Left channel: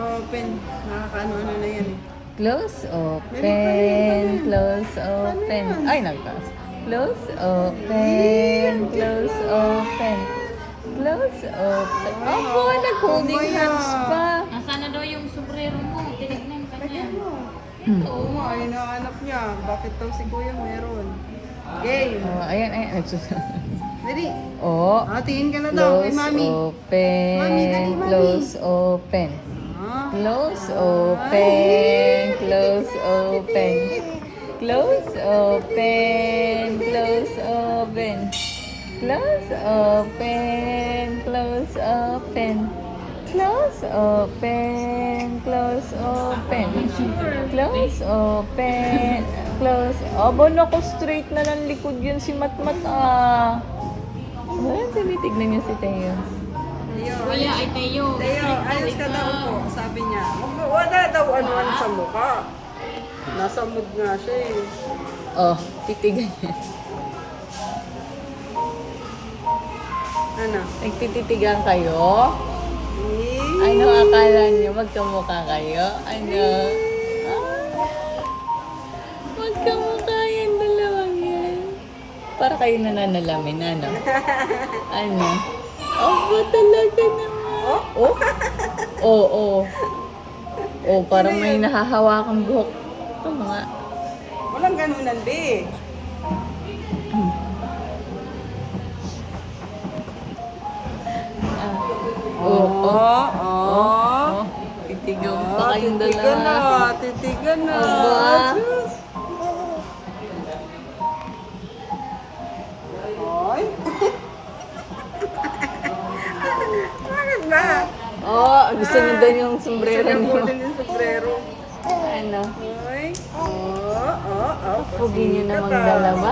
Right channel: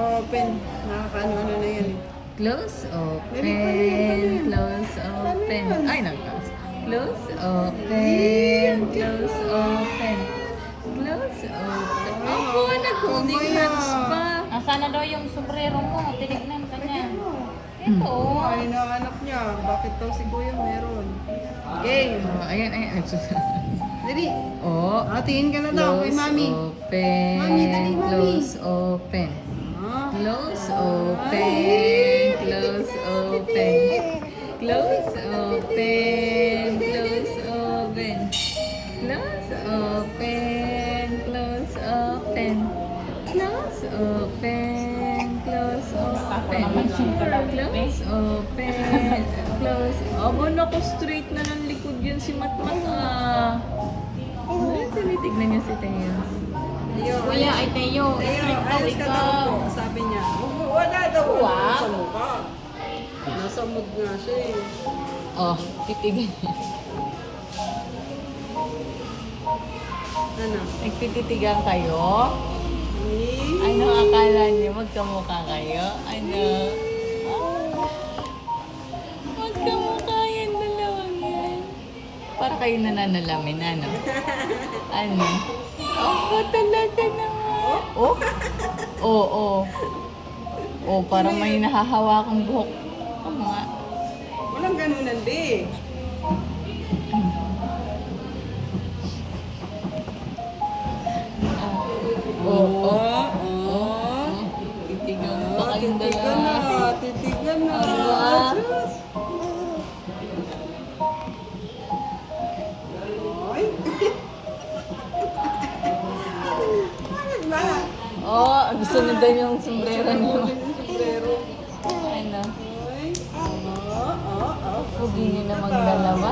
open. Nakakaano-ano na yan eh. Close, Dali, paano yan, paano open, yan? close, Paano open. yan? Ay, nagtaas. Close, open, close, open. Close, open. Opo, nag-holding Kamaya. hands pa. Nasaan na daw yung sombrero mo? Tinignan ka niya. Lagyan mo. Ito. Oo, ay nahanap niya. Bakit daw si Kuya meron? Game. Oh, ayan, ayan. Nagsusunod. Dali. Oh, Tingin ka na daw kay Mami. open. Mami, dali, Mami. Close, open. Ah. Close, Ay, open. Close, open. Close, open. Close, open. Close, open. Close, open. Close, open. Close, open. Close, open. Close. Aba, naku, straight na ng likod yun si Matmat ah. Ay, tinitignan niya si Teo. Teo, Kuya, ay Teo. Teo, ayos ka daw po. Sabi niya. Wala daw ano sa mukha. Nasa mood nga siya eh. Oh, titigan niya. Ano? Nagtititigan kayo? Eh? Ano akala niyo? Magkamukha kayo? Ano? Magkamukha yan, dalawang yan. Para kayo nananalamin, ano? Ano? Oh, talaga naman. Oh? Oh, oh. Oh, parang may nahahawakang buhok. Ito mga. Walang ganunan di. Oh, oh. Oh. Titigan pa kayong Titigan na. dalawa. Titigan na. Ah. Diyos. Ay. Bakit ba? Oh, gusto niyo daw yung sombrero Gusto niya niyo. kunin yung sombrero. Ano? Ay. Oh. Pugi niyo Pasikat naman ah. dalawa.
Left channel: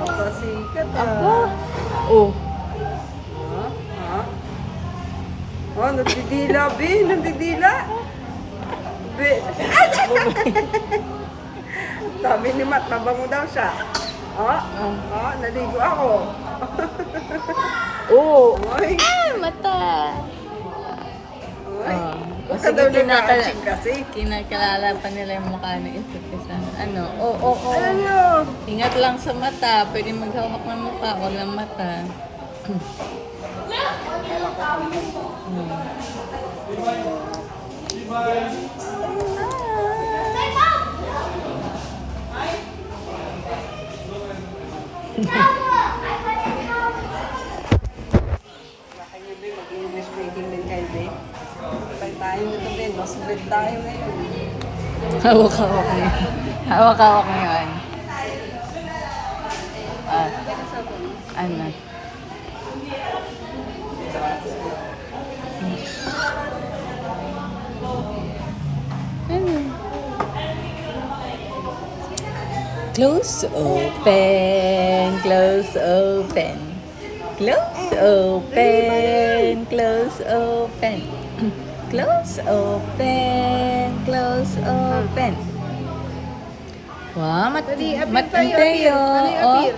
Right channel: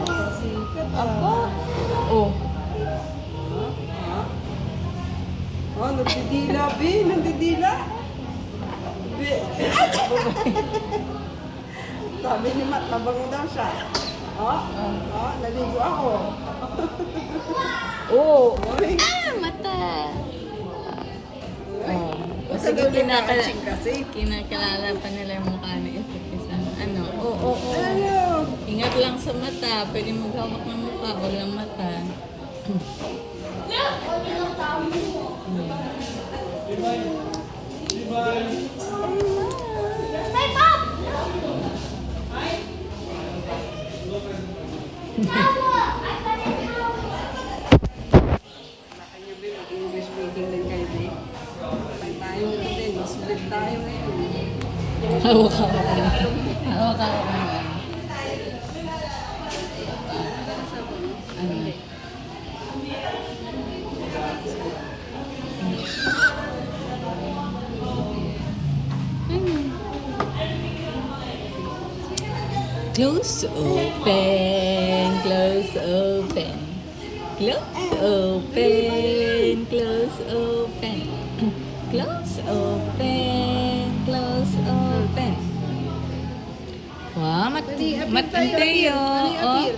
Pasikat ah. Oh. Oh, nagdidila, Be. Nagdidila. Be. Sabi ni Matt, mabango daw siya. Naligo ako. Oh. Ay. Mata. Ay. Oh. Huwag ka daw nag-aaching kasi. Kinakalala pa nila yung mukha ng isa't isa. Ano? Oo. Alam niyo. Ingat lang sa mata. Pwede maghawak ng mukha. Huwag ng mata. Baka niyo, Be, mag-English speaking din kayo, Be. Patay tayo nito, Be. Mas bed tayo ngayon. Hawak-hawak niya. Hawak-hawak niya. Ano? Close, open, close, open. Close, open, close, open. Close, open, close, open. Wow, Dali, appear mat tayo, appear. Mateo. Dali, Oh, appear.